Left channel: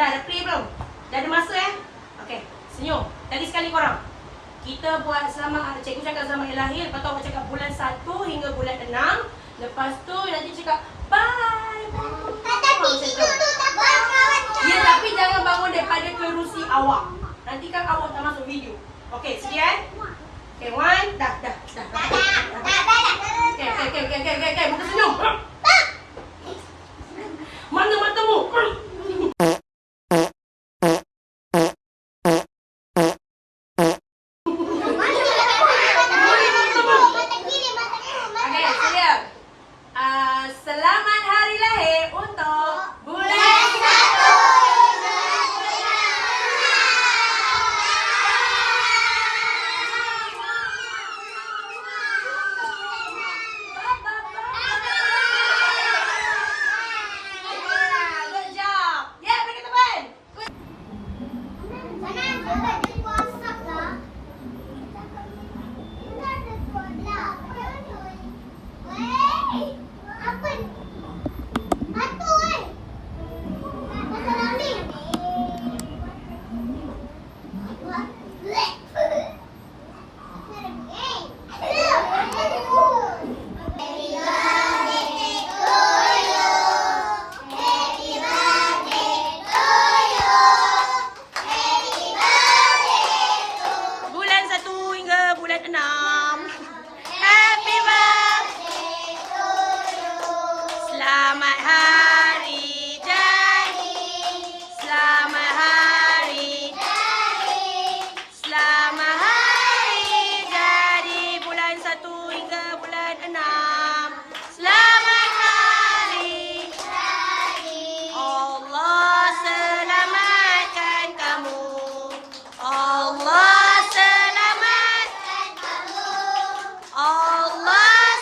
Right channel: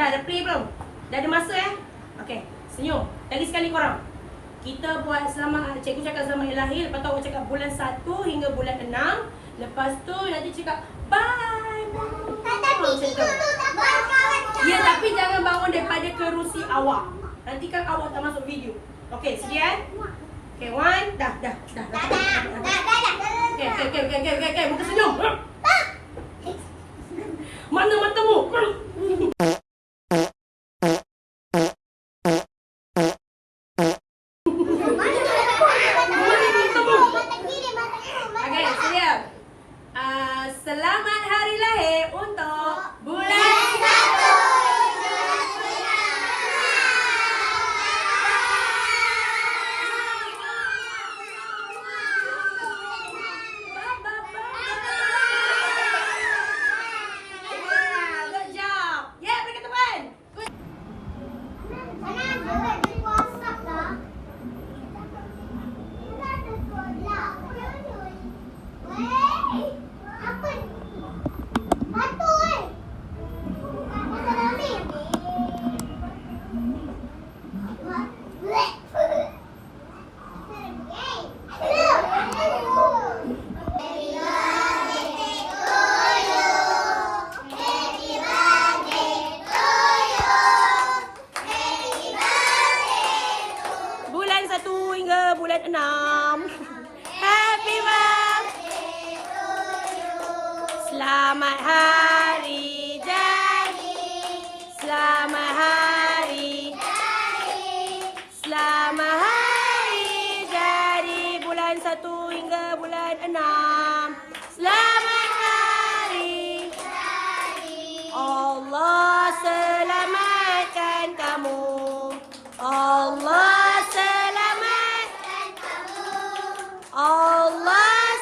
Dah play belum? Dah ada masa Okey, senyum. Lagi sekali korang. Kita buat selamat, cikgu cakap selamat lahir, lepas tu awak cakap bulan 1 hingga bulan 6. Lepas tu nanti cakap bye. Macam tu. Ya, tapi jangan bangun daripada kerusi awak. Nanti kan awak tak masuk video. Okey, sedia? Okey, one. Dah. Okey, muka senyum. Mana matamu? Okey, sedia. Selamat hari lahir untuk bulan 1. Bulan 6. Happy birthday to you. Selamat hari jadi. Selamat hari jadi. Selamat hari jadi bulan 1 hingga bulan 6. Selamat hari jadi. Allah selamatkan kamu. Allah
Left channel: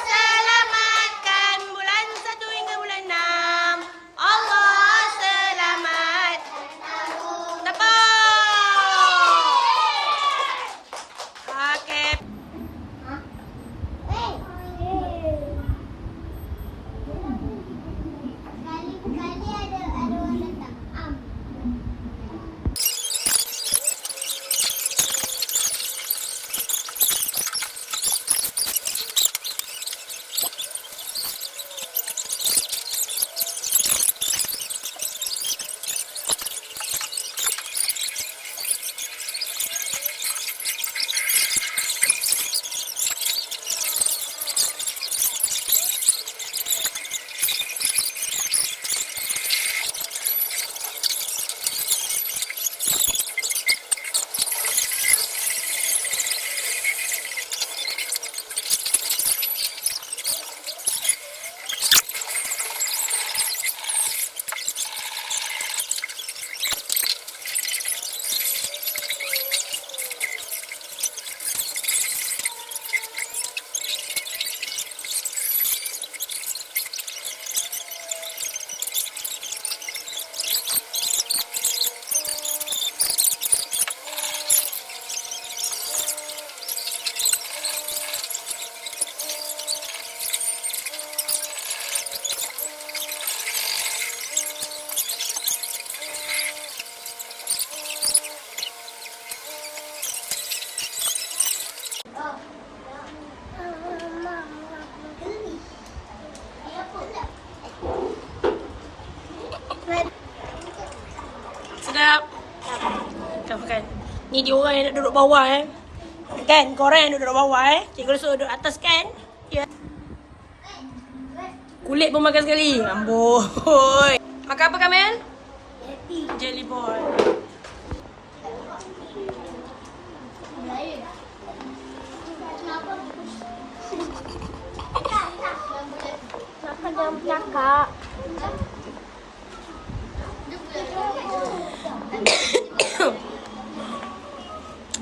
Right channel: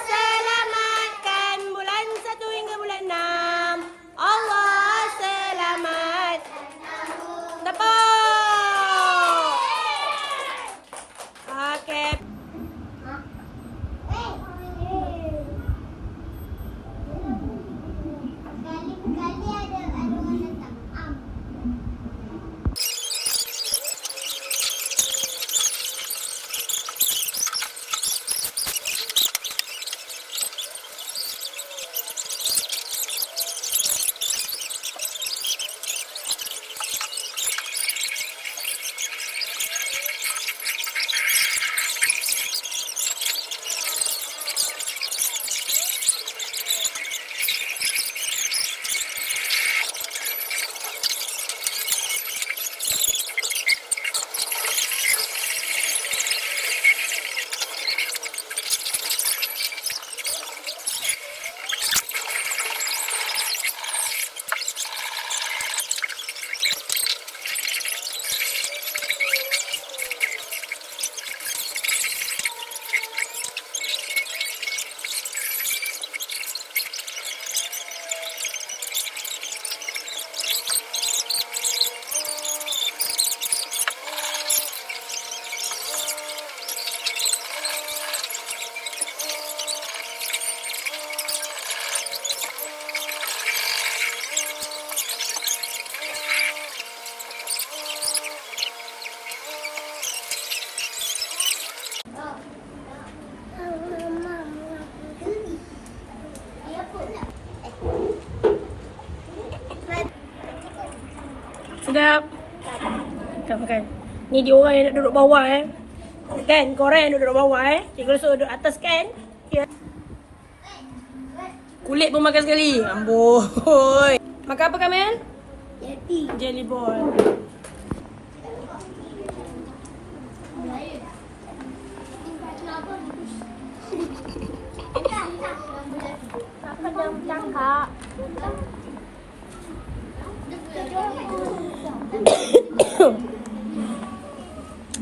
selamatkan bulan 1 hingga bulan 6. Allah selamatkan kamu. Tepuk. Okey. Kali-kali ada orang datang. Sedap. Makan. Ni dia orang yang nak duduk bawah Kan? Korang yang duduk bawah Cikgu suruh duduk atas kan? Ya. Kulit pun makan sekali. Amboi. Makan apa Kamel? Jelly ball.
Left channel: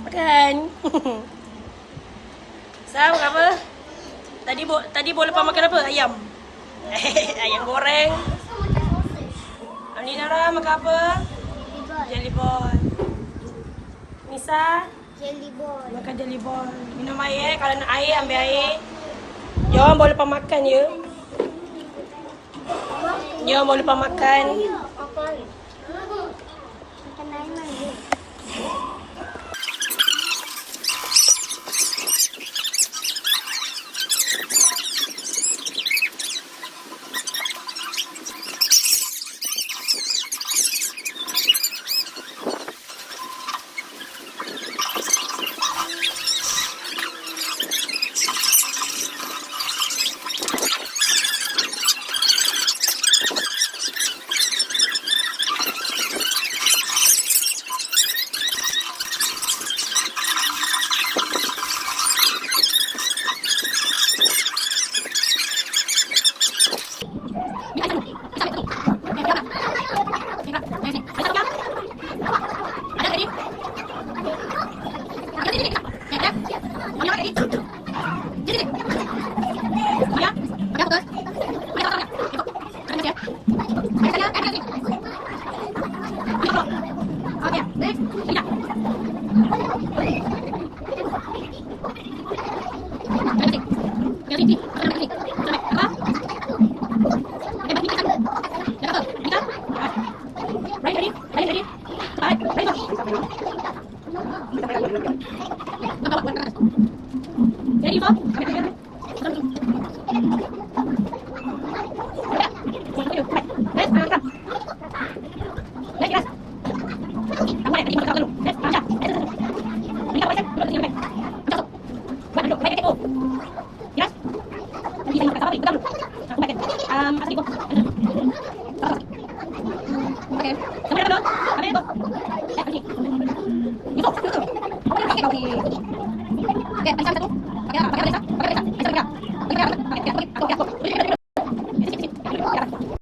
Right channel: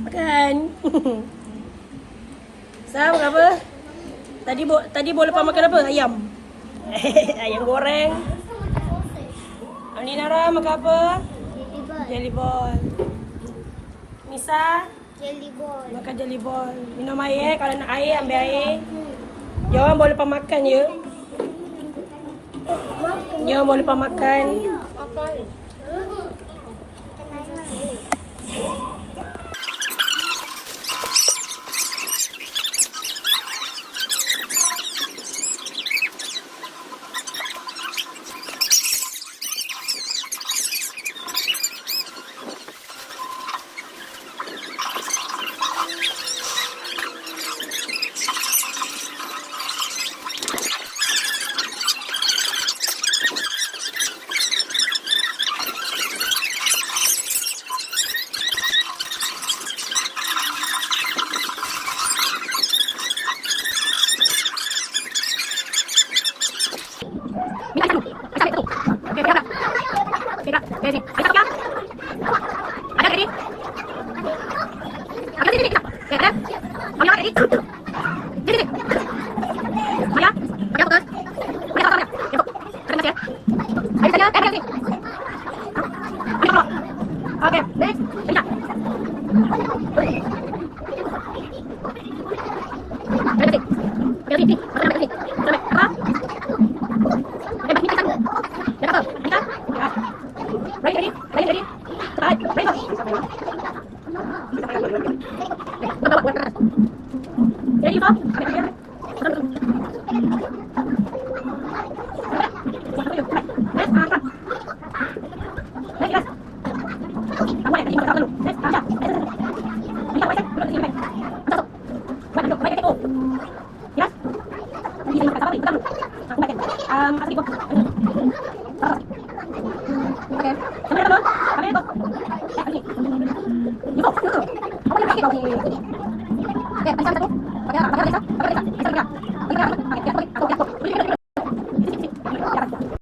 Makan. Sam, makan apa? Tadi boleh lepas makan apa? Ayam. Ayam goreng. Nara makan apa? Jelly ball. Nisa? Jelly ball. Makan jelly ball. Minum air kalau nak air ambil air. Jangan boleh lepas makan ya. Jangan boleh lepas makan. Oke, next. Oke, pakai satu. Pakai apa? Pakai apa? Pakai apa? Pakai apa?